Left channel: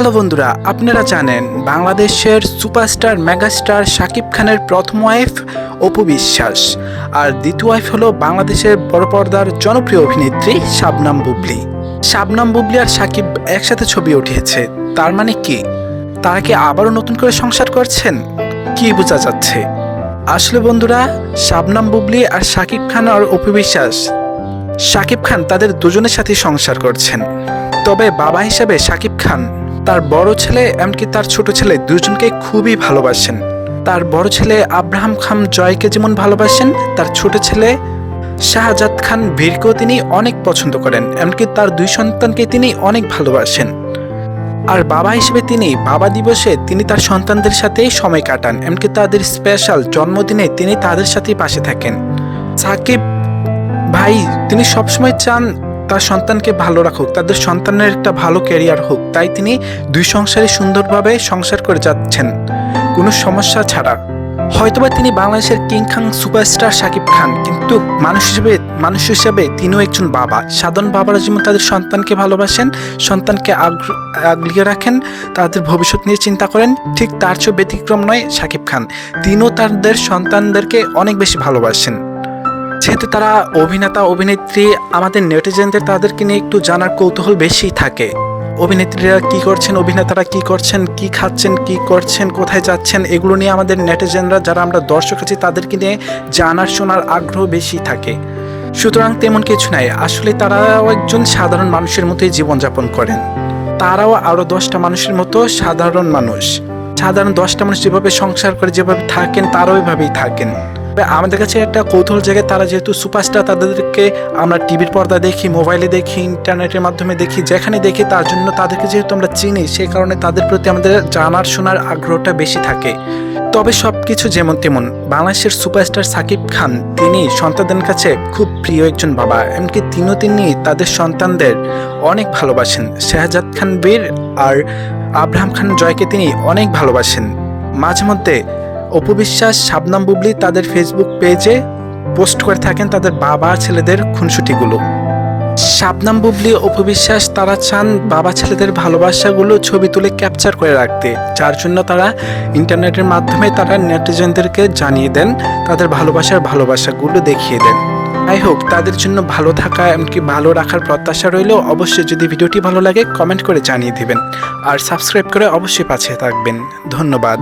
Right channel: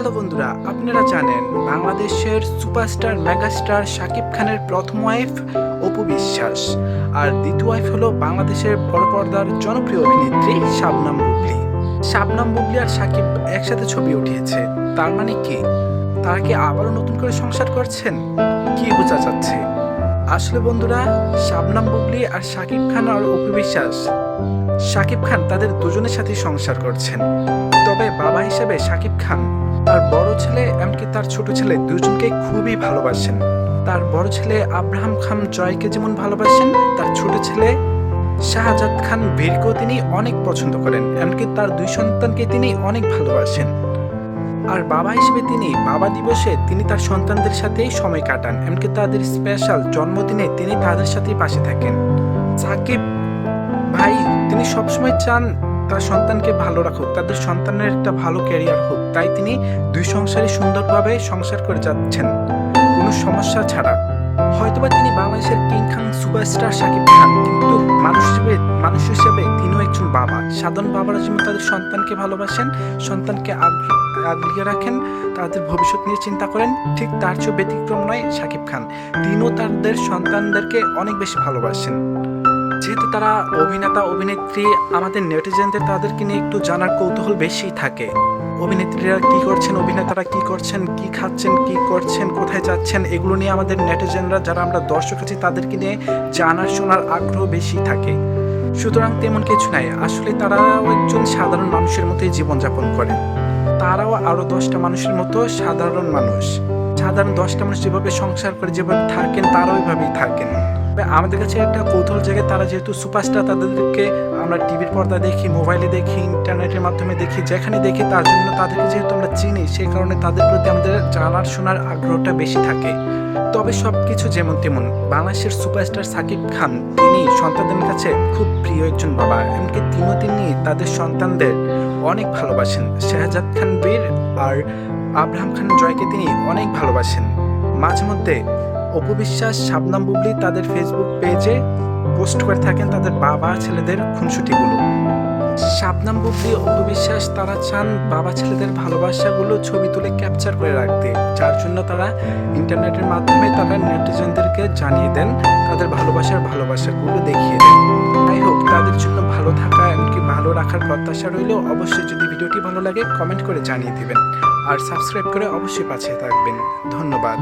Hello বন্ধুরা, আপনারা জানেন বাংলাদেশের সুপারস্টার মেগাস্টার শাকিব খানের প্রথম ওয়াইফ অপু বিশ্বাস। আর দ্বিতীয় ওয়াইফ হলো বাংলাদেশের বড় পর্দার জনপ্রিয় অভিনেত্রী শাবনাম বুবলি। শাবনাম বুবলি আর শাকিব একসাথে ছবি উঠিয়েছে। তার মানে কি? তারা কি আবারও নতুন করে সংসার করছেন? কি বোঝা যাচ্ছে? আসলে বন্ধুরা, শাবনাম বুবলি আর শাকিব খান আর অপু বিশ্বাস, শাকিব খান তাদের দুজনের সাথে সংসার করছেন। তবে বাবা হিসাবে শাকিব খান তার বড় ছেলে এমনকি তার ছোট ছেলে দুজনকে খুবই ভালোবাসেন। তার বড় ছেলে আব্রাহাম খান জয়কে যেমন ভালোবাসেন, তার ছোট ছেলে শাহজাদ খান বীরকেও তিনি অনেক পছন্দ করেন, এমনকি তার দুই সন্তানকে তিনি অনেক ভালোবাসেন। আর বাবা হিসেবে তিনি বাবা দিবসে তিনি তার সন্তানদের সাথেই সময় কাটান, এমনকি তাদের স্পেশাল জন্মদিনে তিনি তাদের সাথেই পাশে থাকেন। সাকিব ভাই, তিনি সবসময় চান তার সন্তানকে ভালো রাখুক, তাদের সন্তানের একটা ভালো ক্যারিয়ার হোক, তাই তিনি দুই সংসারে সুন্দরভাবে সংসার করে যাচ্ছেন। কোনো সমস্যা ছাড়া। হয়তোবা তিনি বাংলাদেশের কিং খাং সুপারস্টার শাকিব খান, কিন্তু মানুষ হিসেবে মানুষ হিসেবে তিনিও একজন বাবা। সাধারণ বাবারা যেমন তাদের সন্তানকে ভালোবাসেন, সন্তানকে আগলিয়ে রাখেন, তাদের ভবিষ্যৎ নিয়ে চিন্তা করেন, ঠিক তার চেয়েও ব্যতিক্রম নয় শাকিব খান। তিনিও তাদের সন্তানদেরকে অনেক বেশি ভালোবাসেন। যেহেতু তারা অভিনেতা, অভিনেত্রী, আমাদের নেটিজেনদের তাদেরকে নিয়ে একটু জানার কৌতূহল বেশি থাকে। অভিনেত্রীরা কি করছেন, অভিনেতারা কি করছেন, কি খাচ্ছেন, কি করছেন, কোথায় যাচ্ছেন, এগুলো নিয়ে আমাদের নেটিজেনরা, যারা আমরা দর্শক আছি, তাদেরকে নিয়ে জানার, শোনার আগ্রহ বেশি থাকে। সুতরাং তেমন কিছু নাই। আসলে তারাও একজন সাধারণ মানুষের মতোই জীবনযাপন করেন। তারাও আরও দশটা মানুষের মতো সাধারণ মানুষ। সাধারণ দশটা মানুষ যেভাবে সংসার করে, যেভাবে থাকেন, তারাও এভাবেই থাকেন। আমাদের কাছে একটা কৌতূহল জায়গায় তারা যেহেতু সুপারস্টার তাদেরকে আমরা টিভির পর্দা দেখি মোবাইলে দেখি ইন্টারনেটের মাধ্যমে দেখি, যেখানে দেখি, তার জন্য তাদেরকে যেহেতু আমরা চিনি সেই কারণে তাদের প্রতি আমাদের জানার, শোনার আগ্রহটা বেশি থাকে। তবে সব কিছু যেমন তেমন, বাংলাদেশের সুপারস্টার সাকিব খান, তিনি সন্তানদের কাছে খুব প্রিয় একজন বাবা, এমনকি তিনিও তিনি তাদের সন্তানদের অনেক ভালোবাসেন। শাহজাদ খান বীর আর আব্রাহাম খান জয়কে তিনি অনেক ভালোবাসেন। মাঝে মধ্যে অপবিশ্বাস শাবনাম বুবলি তাদের ফেসবুক পেজে পোস্ট করে থাকেন তাদের বাবা ছেলেদের খুনসুটিগুলো। শাবনাম বুবলি, অপবিশ্বাস তারা চান বাবা ছেলেদের ভালোবাসাগুলো ছবি তুলে ক্যাপচার করে রাখতে, যার জন্য তারা ইন্টারনেটের মাধ্যমে তারা নেটিজেনদেরকে জানিয়ে দেন, তাদের ভালোবাসার ভালোবাসাগুলো দেখিয়ে দেন। যাই হোক তাদের জন্য ভালো থাকা এমনকি ভালো রাখার প্রত্যাশা রইলেও অবশ্যই যদি ভিডিওটি ভালো লাগে কমেন্ট করে জানিয়ে দিবেন। আর সাবস্ক্রাইব করে অবশ্যই পাশে থাকবেন। ধন্যবাদ।